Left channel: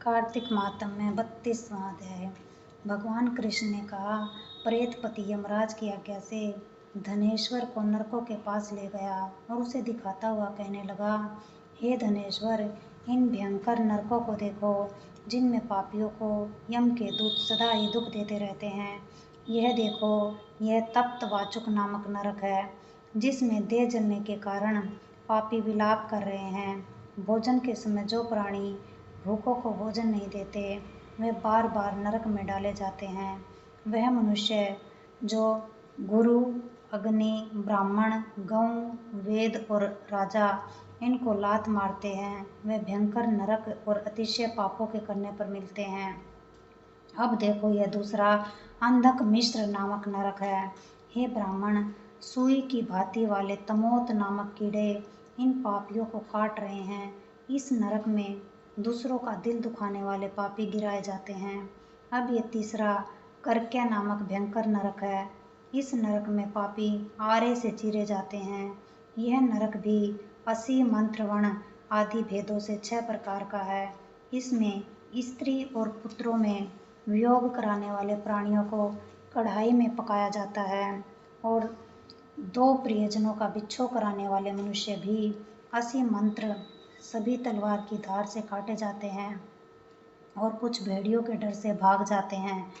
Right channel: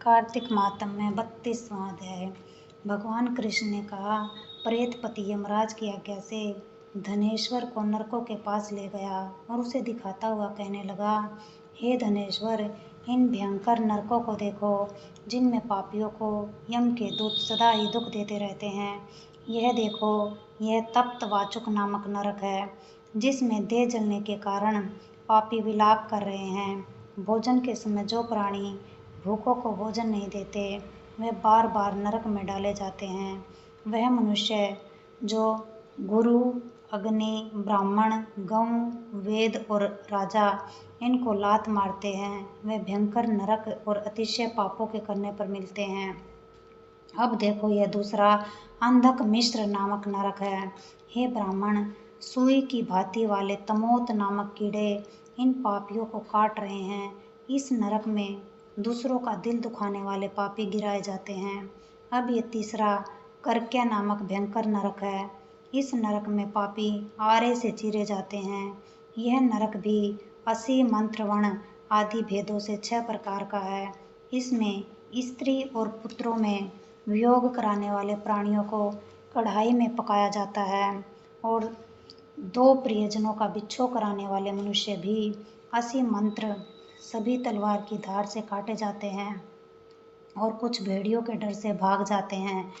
कार्तिक मातम में 32वां अध्याय। भगवान कृष्ण ने कहा, प्रेतपति यमराज की आज्ञा से धनेश्वर को नरकों के पास ले गया और उसे दिखाता हुआ कहने लगा, हे धनेश्वर, इन भयंकर नरकों को देखो, जिनमें पापियों को यम के दूत सदा ही दुख देते रहते हैं। यह देखो, यह तप्त वाचुक नामक नरक है, जिसमें देह जलने के कारण पापी विलाप कर रहे हैं। भोजन के समय जो प्राणी भूखों को भोजन नहीं देते, वे बार बार नरक में डाले जाते हैं। वह मनुष्य जो गुरु, अग्नि, ब्राह्मण, गौ, वेद और राजा इनको लात मारते हैं, वे भयंकर नरक और अतिशय पापों के करने पर मिलते हैं। अब देखो, यह दूसरा अंधक मिश्र नामक नरक है। हे ब्राह्मण, सुई की भांति वाले तमोत नामक कीड़े इन पापियों को काट रहे हैं। इस नरक में दूसरों का दिल दुखाने वाले पापी गिराए जाते हैं। अब ये तीसरा कर्क्य नामक भयंकर नरक है। इस नरक में पापी आरे से चीरे जाते हैं। यह नरक भी 80 मंत्रवण आदि भेदों से 6 प्रकार का है। इसमें स्त्री और पुत्रों में वियोग कराने वाले प्राणियों को कढ़ाई में पकाया जाता है और 2 प्रियजनों का बिच्छो कराने वाले मनुष्य भी 80 मंत्र सभी तलवार की धार से काटे जाते हैं और कुछ भेड़ियों के डर से भाग जाते हैं।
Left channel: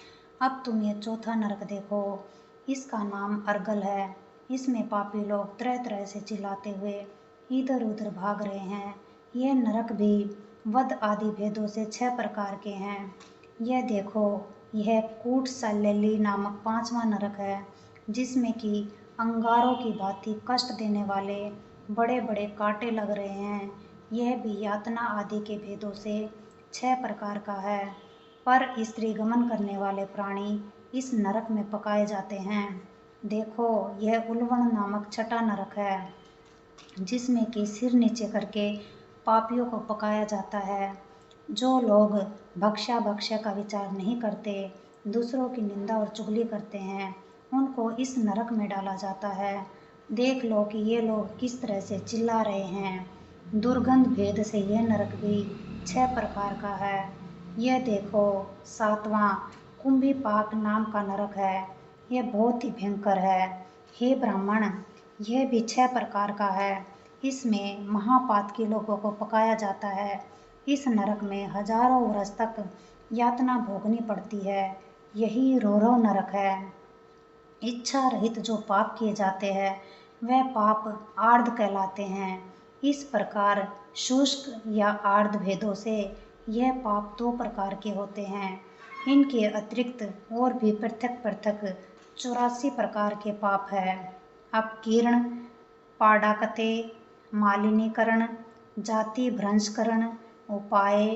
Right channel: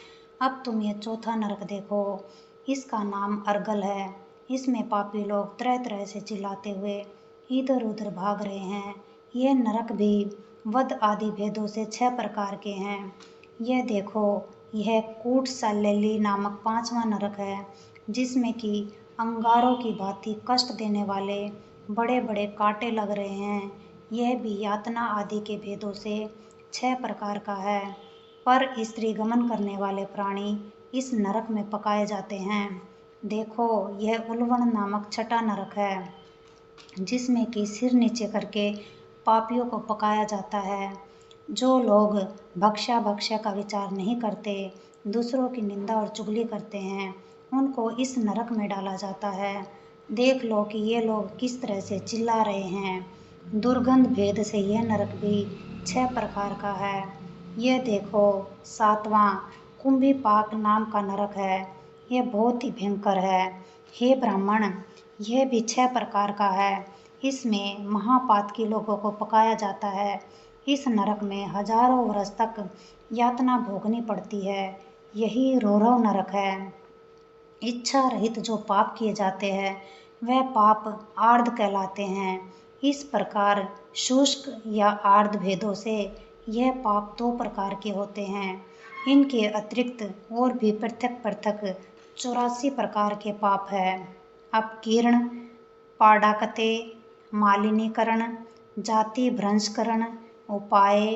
अब तुम यह चौथा नरक देखो, इसका नाम अर्गल है। इसमें पापी लोग तरह तरह से चिल्लाते हुए इधर उधर भाग रहे हैं। यह नरक भी वध आदि भेदों से 6 प्रकार के हैं। यह देखो, यह कूट सालेली नामक 5वां नरक है, जिसमें कि अंगारों की भांति कष्ट देने वाले बड़े बड़े कांटे लग रहे हैं। यह भी यातना आदि के भेदों से 6 प्रकार का है। पर स्त्री गमन करने वाले प्राणी इस नरक में पकाए जाते हैं। देखो, यह उल्वण नामक 6ठा नरक है, जिसमें कि सिर नीचे करके पापियों को पकाया जाता है। जो लोग भक्षा का विचार नहीं करते, दूसरों की निंदा और चुगली करते हैं, उनको इस नरक में डाला जाता है। देख लो कि ये लोग किस तरह से चिल्ला रहे हैं। दुर्गंध भेद से यह नरक भी 6 प्रकार का है। यह देखो, 7वां कुंभीपाक नाम का नरक है। यह बहुत ही भयंकर है। हे ब्राह्मण, यह भी 6 प्रकार का है। इसमें महापातकी लोगों को पकाया जाता है। इस नरक में हजारों वर्ष तक यातना भोगनी पड़ती है। यही रोरव नरक है। इच्छा रहित जो पाप किए जाते हैं, वह पाप आर्ध कहलाते हैं। इस प्रकार शुष्क या आर्ध भेदों से यह पाप 2 प्रकार के होते हैं। इनके अतिरिक्त और भी पृथक पृथक 84 प्रकार के पाप है। अपकीर्ण, पाडाकते, मालिनीकरण, जाति भ्रंशकरण, उपाय,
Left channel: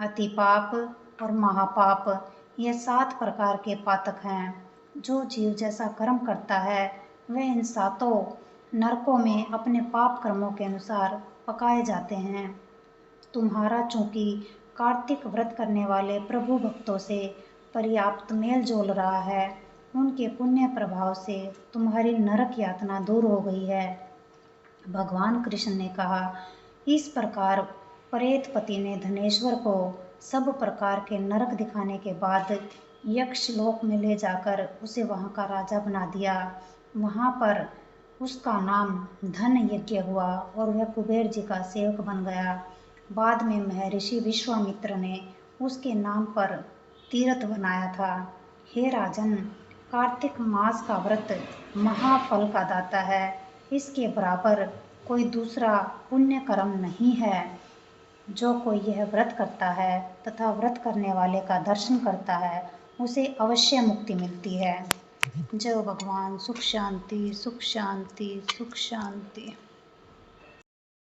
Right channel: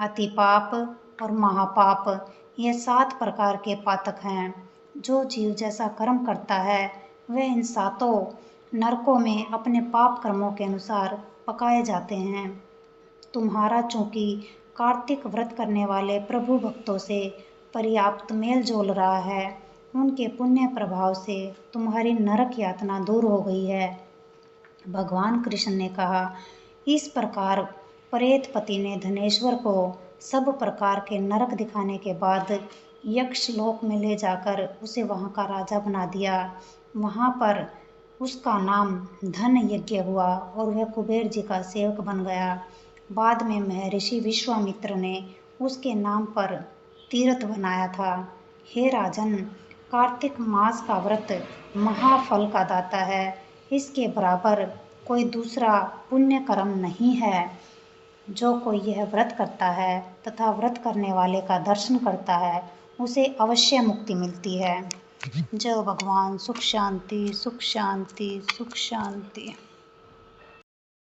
अतिपाप और महापाप, ये 7 प्रकार के पातक हैं। जो जीव जैसा कर्म करता है, वह इन 7 नरकों में अपने पाप कर्मों के अनुसार पकाए जाते हैं। तुम्हारा चूंकि कार्तिक व्रत करने वाले प्रभु भक्तों से पर्याप्त मेल जोल रहा है, उनके पुण्य प्रभाव से तुम्हारी नरक यातना दूर हो गई है। भगवान कृष्ण ने कहा, इस प्रकार प्रेतपति ने धनेश्वर को सब प्रकार के नरक दिखाने के बाद यक्ष लोक में ले जाकर उसे वहाँ का राजा बना दिया। वहाँ पर उसका नाम धन यज्ञ हुआ और वह कुबेर जी का सेवक बन गया। बाद में महर्षि विश्वामित्र ने उसके नाम पर तीर्थ बनाया था। हे राजन, कार्तिक मास का व्रत महाफल का दाता है। इसके बराबर कोई दूसरा पुण्य कर्म नहीं है। जो कोई यह व्रत करता है तथा व्रत करने वाले का दर्शन करता है, उसे अवश्य मुक्ति मिलती है। जय भगवान। सुख शांति, सुख शांति, सुख शांति।